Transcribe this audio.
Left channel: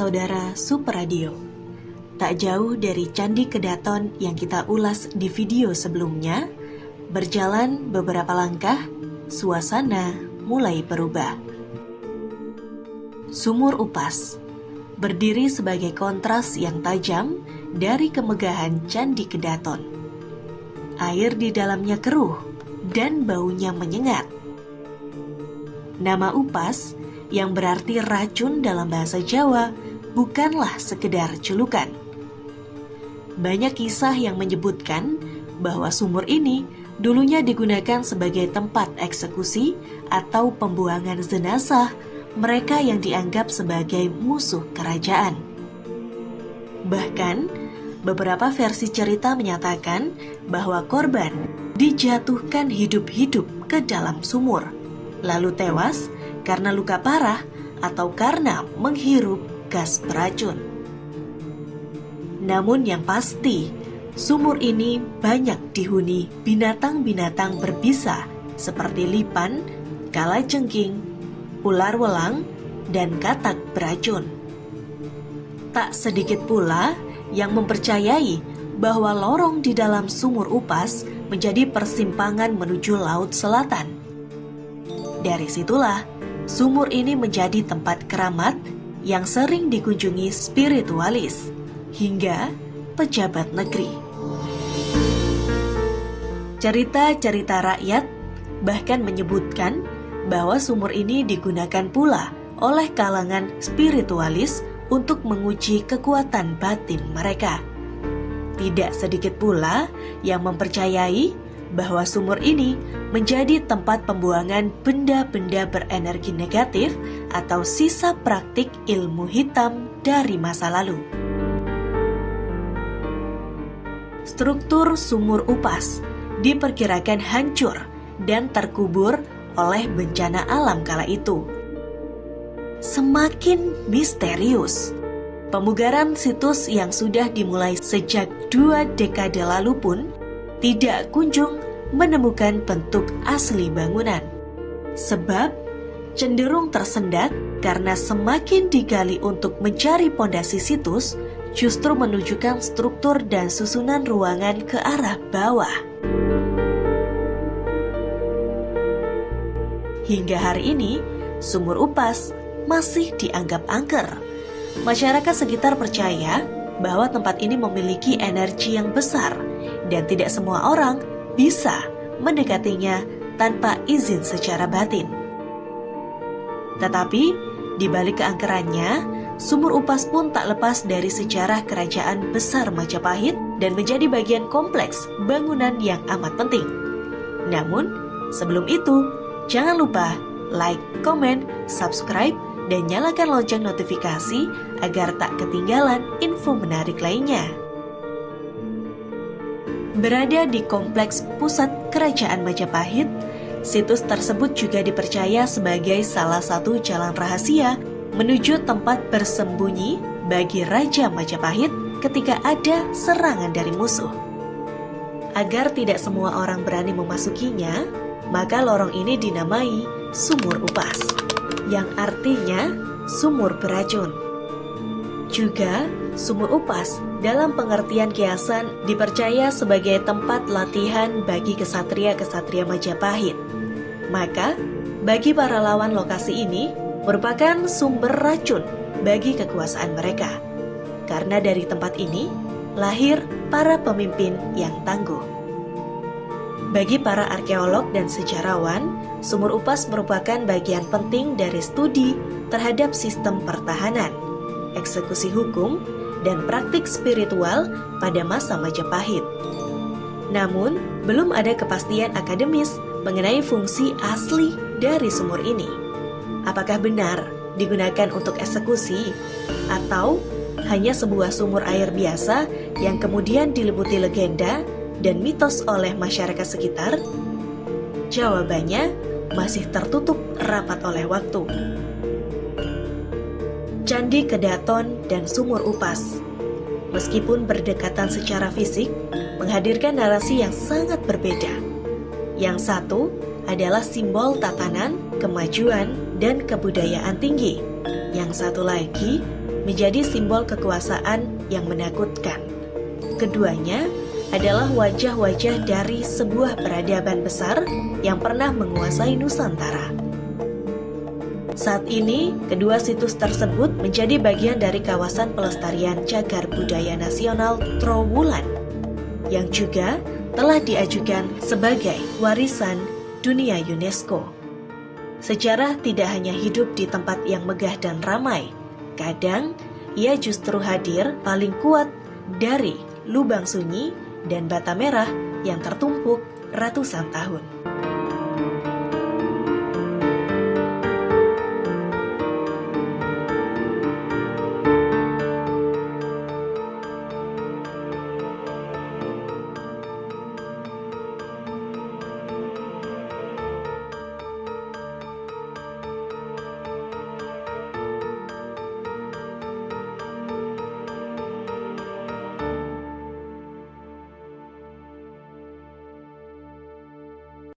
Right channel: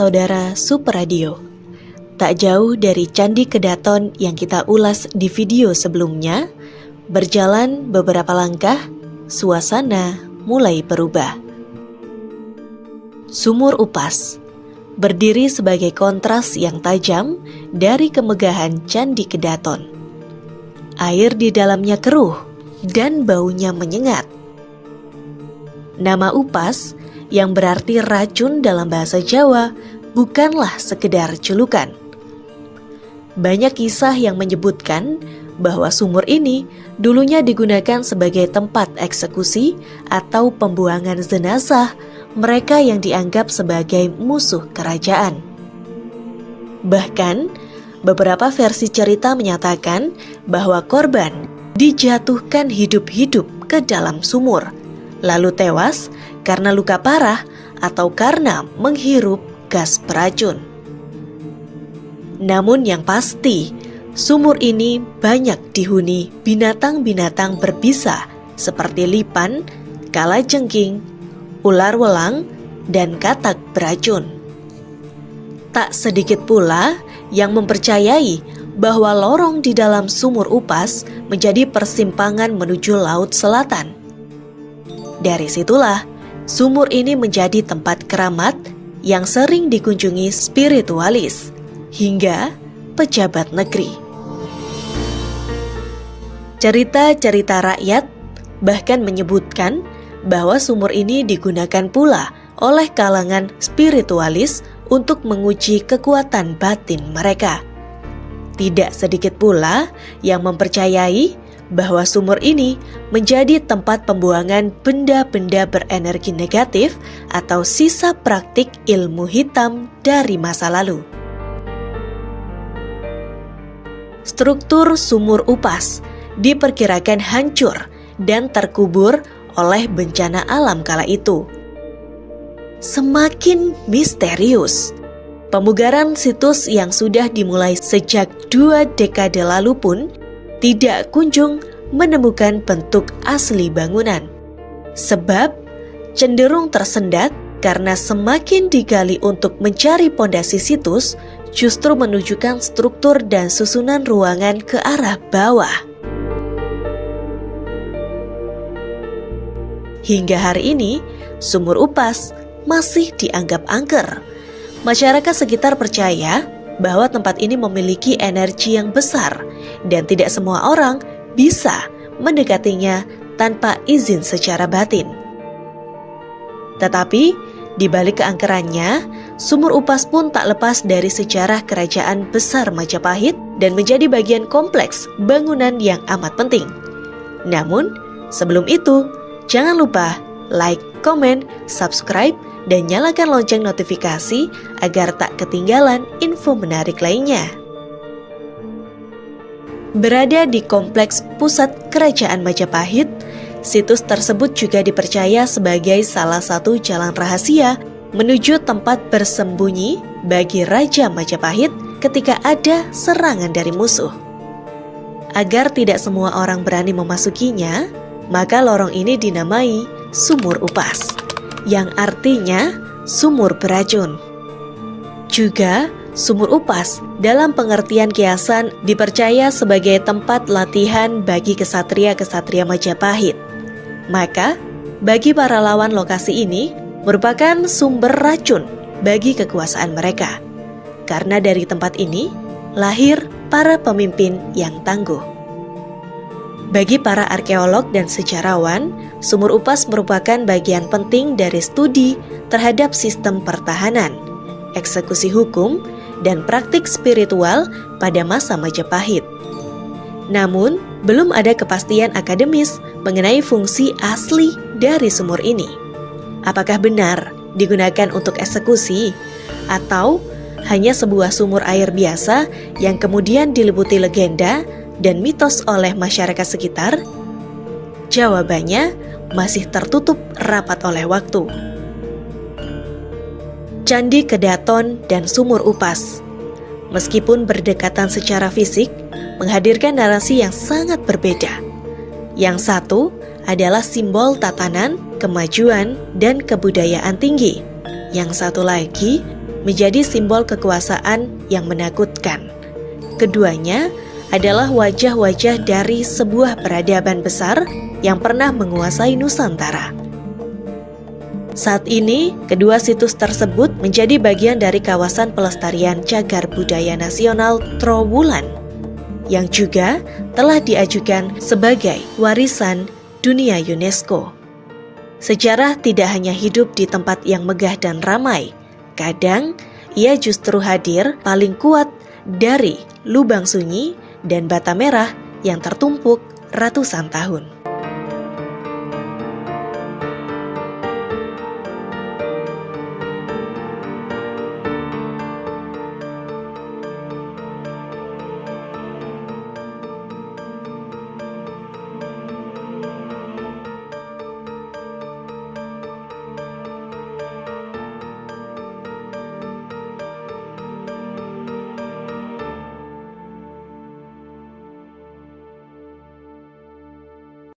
saudara Super Radio. Tak jauh dari Candi Kedaton yang kita ulas di video sebelumnya, berjalan beberapa langkah, suasana mulai berubah. Sumur Upas berdiri sebagai kontras yang tajam dari kemegahan Candi Kedaton. Air di dalamnya keruh dan baunya menyengat. Nama Upas yang berarti racun dalam bahasa Jawa bukanlah sekedar julukan. Banyak kisah yang menyebutkan bahwa sumur ini dulunya digunakan sebagai tempat eksekusi atau pembuangan jenazah mereka yang dianggap sebagai musuh kerajaan. Bahkan, beberapa versi cerita menyatakan bahwa korban dijatuhkan hidup-hidup ke dalam sumur, lalu tewas karena luka parah atau karena menghirup gas beracun. Namun yang pasti, sumur ini banyak dihuni binatang-binatang berbisa seperti lipan, kalajengking, ular welang, dan katak beracun. Tak sedikit pula yang mempercayai bahwa lorong di dalam sumur Upas menjadi persimpangan menuju Laut Selatan. Dari situlah, sumur ini menjadi tempat keramat yang sering dikunjungi spiritualis hingga pejabat negeri. Cerita-cerita rakyat bahkan menyebutkan bahwa sumur ini digunakan pula oleh kalangan spiritualis untuk menguji kekuatan batin mereka. Tidak sedikit pula yang mempercayai bahwa sumur ini menjadi tempat pembuangan benda-benda berenergi negatif atau sisa praktik ilmu hitam dari masa lalu. Struktur sumur Upas diperkirakan hancur dan terkubur oleh bencana alam kala itu. Semakin misterius, pemugaran situs yang sudah dimulai sejak 2 dekade lalu pun tidak kunjung menemukan bentuk asli bangunan. Sebab cenderung tersendat karena semakin digali untuk mencari pondasi situs, justru menunjukkan struktur dan susunan ruangan ke arah bawah. Hingga hari ini, sumur Upas masih dianggap angker. Masyarakat sekitar percaya bahwa tempat ini memiliki energi yang besar dan tidak semua orang bisa mendekatinya tanpa izin secara batin. Tetapi, di balik keangkerannya, sumur Upas pun tak lepas dari sejarah kerajaan besar Majapahit dan menjadi bagian kompleks bangunan yang amat penting. Namun, sebelum itu, jangan lupa like, komen, subscribe, dan nyalakan lonceng notifikasi agar tak ketinggalan info menarik lainnya. Berada di kompleks pusat kerajaan Majapahit, situs tersebut juga dipercaya sebagai salah satu jalan rahasia menuju tempat bersembunyi bagi Raja Majapahit ketika ada serangan dari musuh. Agar tidak semua orang berani memasukinya, maka lorong ini dinamai Sumur Upas, yang artinya sumur beracun. Juga, Sumur Upas dalam pengertian kiasan dipercaya sebagai tempat latihan bagi kesatria-kesatria Majapahit. Maka, bagi para lawan lokasi ini merupakan sumber racun bagi kekuasaan mereka. Karena dari tempat ini lahir para pemimpin yang tangguh. Bagi para arkeolog dan sejarawan, Sumur Upas merupakan bagian penting dari studi terhadap sistem pertahanan, eksekusi hukum, dan praktik spiritual pada masa Majapahit. Namun, belum ada kepastian akademis mengenai fungsi asli dari sumur ini. Apakah benar digunakan untuk eksekusi, atau hanya sebuah sumur air biasa yang kemudian diliputi legenda dan mitos oleh masyarakat sekitar? Jawabannya masih tertutup rapat oleh waktu. Candi Kedaton dan Sumur Upas, meskipun berdekatan secara fisik, menghadirkan narasi yang sangat berbeda. Yang satu adalah simbol tatanan, kemajuan, dan kebudayaan tinggi. Yang satu lagi menjadi simbol kekuasaan yang menakutkan. Keduanya adalah wajah-wajah dari sebuah peradaban besar yang pernah menguasai Nusantara. Saat ini, kedua situs tersebut menjadi bagian dari kawasan pelestarian cagar budaya nasional Trowulan, yang juga telah diajukan sebagai warisan dunia UNESCO. Sejarah tidak hanya hidup di tempat yang megah dan ramai, kadang ia justru hadir paling kuat dari lubang sunyi dan bata merah yang tertumpuk ratusan tahun.